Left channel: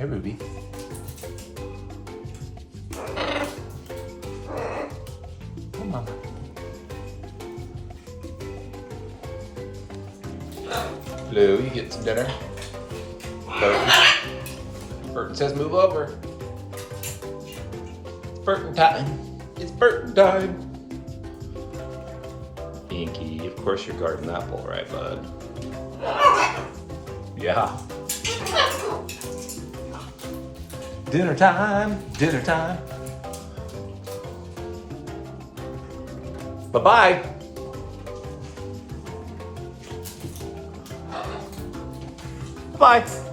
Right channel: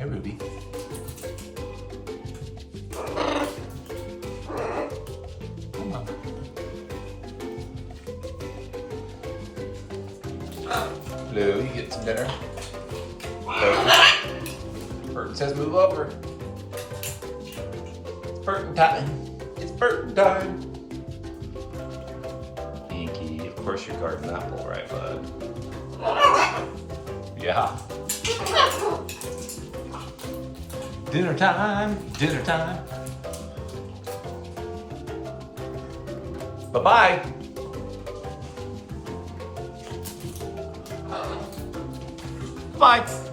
Hey, Ruby. Come on. Lou, you get some dinner? Burton says move over. Burton time. It's Burton time. Pinky, of course you got an apple, right, bud? Yeah. Dinner time, dinner time. Bye-bye. Bye.